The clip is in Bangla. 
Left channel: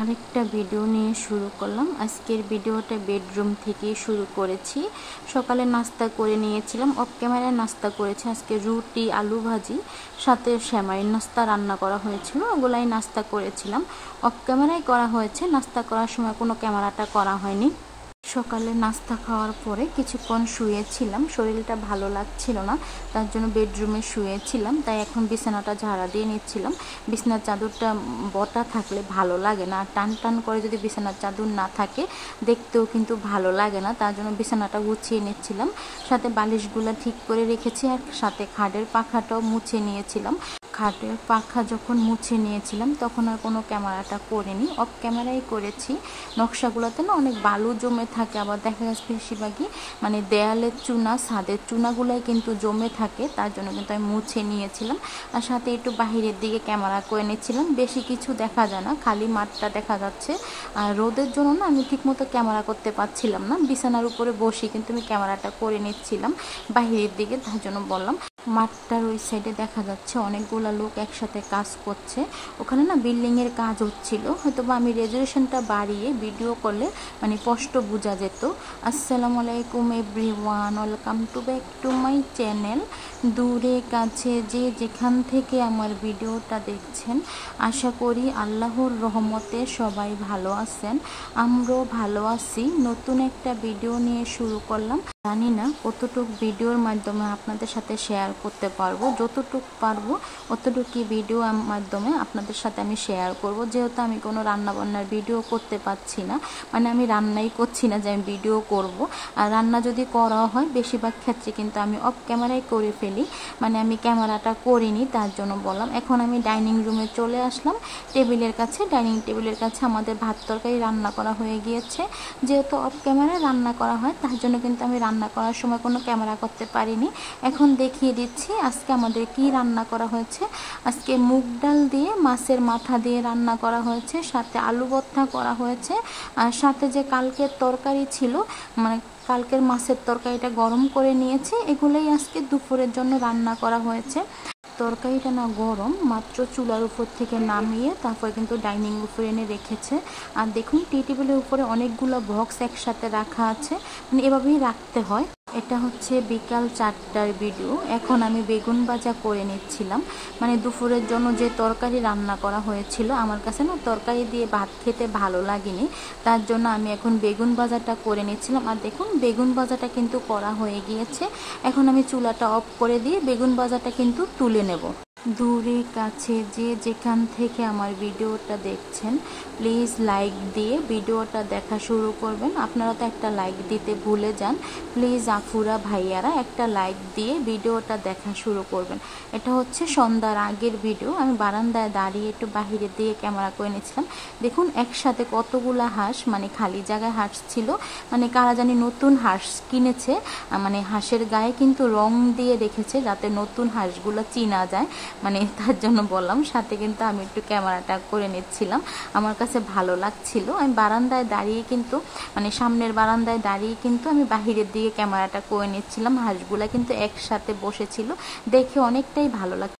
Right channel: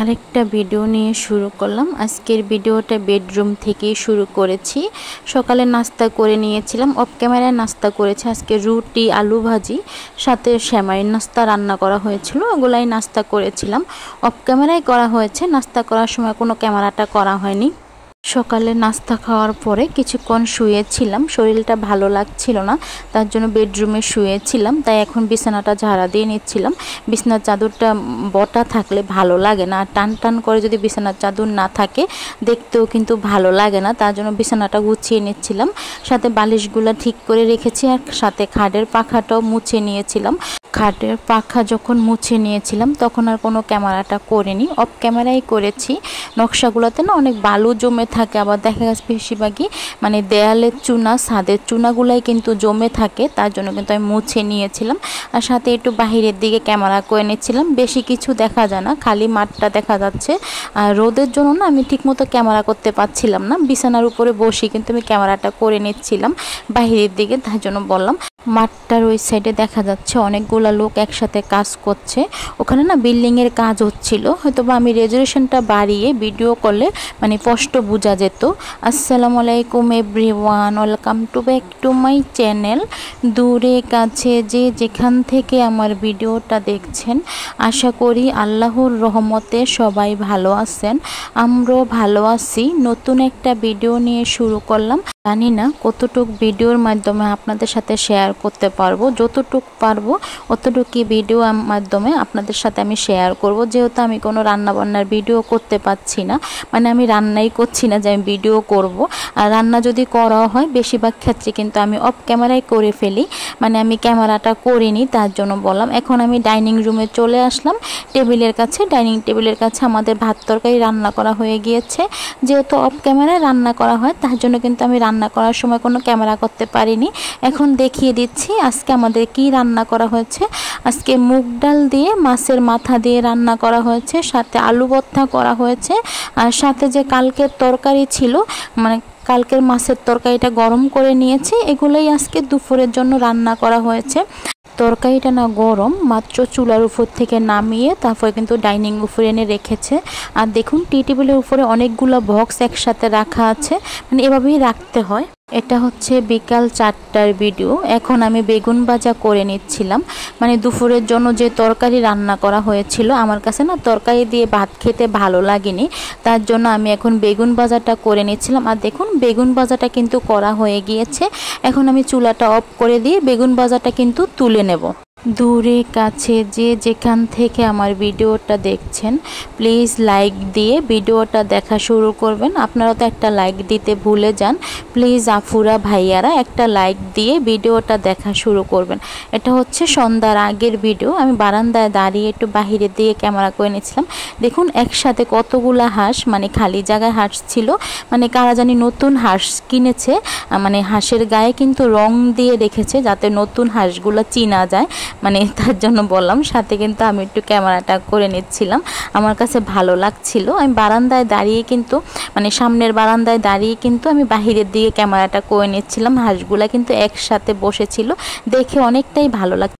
আরেকটা ভিডিও নিয়ে শুরু করলাম। আজকের ভিডিওটা বেডরুম থেকেই শুরু করেছি। সকালে নাস্তা করে নিয়েছিলাম, অফ ক্যামেরায় নাস্তা করেছি আজকে রুটি আলু ভাজি, সাথে সেমাইয়ের নাস্তা রান্না করা হয়েছিল, ওগুলাই নাস্তা করেছিলাম। অফ ক্যামেরায় করা হয়েছে, নাস্তা করার সময় কোনো ক্যামেরাটা করা হয়নি। সকালে নাস্তা খাওয়ার পরে কিছুক্ষণ শুয়েছিলাম, শরীরটা ভালো লাগছিল না, তার জন্য বেডরুমে শুয়েছিলাম। তাই এখন বিছানাটা ঝাড়া দিয়ে নিচ্ছিলাম। বিছানার চাদরটা বটা থাকলে ভালো লাগে না, টান টান করে যদি বিছানার চাদর না থাকে দেখতেও কিন্তু ভালো লাগে না, তার জন্য বিছানাটা গুছিয়ে নিচ্ছিলাম। সাথে বালিশগুলো ঠিক করে রেখেছি, আর সাথে খাটের পাখাটাও মুছে নিয়েছিলাম। খাটের পাখা যখন মুছে নিয়েছিলাম তখন আর কোনো ক্যামেরাটা করিনি, অফ ক্যামেরাই করেছি। নকশাগুলোতে না অনেক বালু জমে থাকে, আবার দেখা যাচ্ছে বেশিরভাগই মানে দেয়ালের চুনা ছাদের চুনাগুলাই কিন্তু জমে থাকে, তার জন্য কিন্তু আমি মুছে নিয়েছিলাম। আর সাথে একটু বাহিরের দিকে ক্যামেরা করে নিচ্ছিলাম, বেশি কিছু দেখা যায় না, খালি মাঠটা দেখা যাচ্ছে। আর রোদের জন্য না আমি ঠিকমতো ক্যামেরা করতে পারছিলাম না, বিছানার উপরে বসে কিন্তু আমি ক্যামেরাটা করে নিচ্ছিলাম বাহিরের দিকে, তার জন্য বললাম। মাঠটার ওই সাইডে দেখা যাচ্ছে অনেকগুলা লোক একসাথে কাজ করছে, ওখানে না বিল্ডিংয়ের কাজ হচ্ছিল, হয়তো বা আমি রেজুলেশনটা বাড়িয়ে ভিডিও করলে মানে স্পষ্ট বোঝা যেত। আসসালামু আলাইকুম everyone, welcome to back to my channel. দূরে কাছে যে যেখান থেকে আমার ভিডিওটা দেখছেন, আশা করি আল্লাহর রহমতে সবাই ভালো আছেন, আমরাও ভালো আছি। নতুন একটা ভিডিও নিয়ে শুরু করলাম। জানি না কতটুক ভিডিওর মাধ্যমে আপনাদের সাথে শেয়ার করতে পারবো, যতটুক পারবো অতটুকুই ভিডিও মাধ্যমে আপনাদের সাথে আমি শেয়ার করব। যেহেতু আমি কোনো রান্নাবান্নার ভিডিও করতে পারছি না, মানে আমি রান্নাই করছি না যে আমি ভিডিও করব। আর রান্না যদি করা হয় বেশিরভাগ ক্ষেত্রে কিন্তু আমি অফ ক্যামেরায় করে ফেলি, মানে আমি ক্যামেরাটা করিনি, তার জন্য বললাম। এখন আমি ডাইনিং রুমে চলে আসলাম, টেবিলের কাছে, ডাইনিং টেবিলের কাছে আমাদের ভাত তরকারি রান্না করা হয়ে গিয়েছে। যেহেতু অফ ক্যামেরায় রান্না করা হয় তার জন্য কিন্তু আমি রান্না করার সময় কোনো ক্যামেরা করতে পারিনি। এখন দেখিয়ে দিচ্ছি আজকে আমাদের কি রান্না করা হয়েছে। আজকে মুগ ডাল দিয়ে মাছের মাথা দিয়ে রান্না করা হয়েছে, সাথে আলু ভর্তা করা হয়েছে, আর সাথে যে কালকের তরকারি ছিল, মানে কালকের মাছের তরকারিটা গরম করে নিয়েছি, এগুলোই আজকে দুপুরের জন্য রান্না করা হয়েছে। তরকারিটা না গরম, মাত্র চুলার উপর থেকে নামিয়ে তারপরে কিন্তু ডাইনিং উপরে এনে রেখেছে। আর দেখুন টি টেবিলের উপরে অনেকগুলো বক্স একসাথে রাখা আছে, মানে এভাবেই রাখতে হয়। এটা হচ্ছে বিকাল 4টার ভিডিও। এখন আমি বেগুন ভাজা করে নিচ্ছিলাম, মানে দুপুরের জন্য যে তরকারি রান্না করা হয়েছিল, আমার কাছে না তরকারি দিয়ে ভাত খেতে ভালো লাগেনি, তার জন্য আমি এখন বেগুন ভাজাটা করে নিচ্ছিলাম। আর দেখুন বেগুন ভাজাটা কিন্তু করা হয়ে গিয়েছে, এখন আমি চুলাটা অফ করে দিয়ে বেগুন ভাজাটা কিন্তু তুলে নেব। দূরে কাছে যে যেখান থেকে আমার ভিডিওটা দেখছেন প্লিজ লাইক দিয়ে ভিডিওটা দেখা শুরু করবেন। আপনারা তো একটা লাইক দিতে ভুলে যান, প্লিজ আফুরা ভাইয়ারা একটা লাইক দিয়ে ভিডিওটা দেখা শুরু করবেন। এটা হচ্ছে সন্ধ্যার আগের ভিডিও, আমি বারান্দায় দাঁড়িয়ে একটু বাহিরের দিকে ক্যামেরা করে নিয়েছিলাম। দেখুন একসাথে কতগুলা হাঁস, মানে খালি জায়গায় হাঁস ছিল, মানে কারা জানি নতুন হাঁস কিনেছে, মানে হাঁসের গায়ে কিন্তু রং দিয়ে রেখেছে যাতে নতুন হাঁসগুলো চিনা যায়, মানে তার জন্য বললাম। সাথে কিন্তু আমি একটু ক্যামেরাটা করে নিচ্ছিলাম, আমার কাছে ভালো লাগছিল। আমি বারান্দায় দাঁড়িয়ে কিন্তু, মানে সামনের বারান্দায় দাঁড়িয়ে কিন্তু আমি বাহিরের দিকে ক্যামেরাটা করে নিচ্ছিলাম। হাঁসগুলা কিন্তু একসাথে বসেছিল, দেখে অনেকটাই ভালো লাগছে।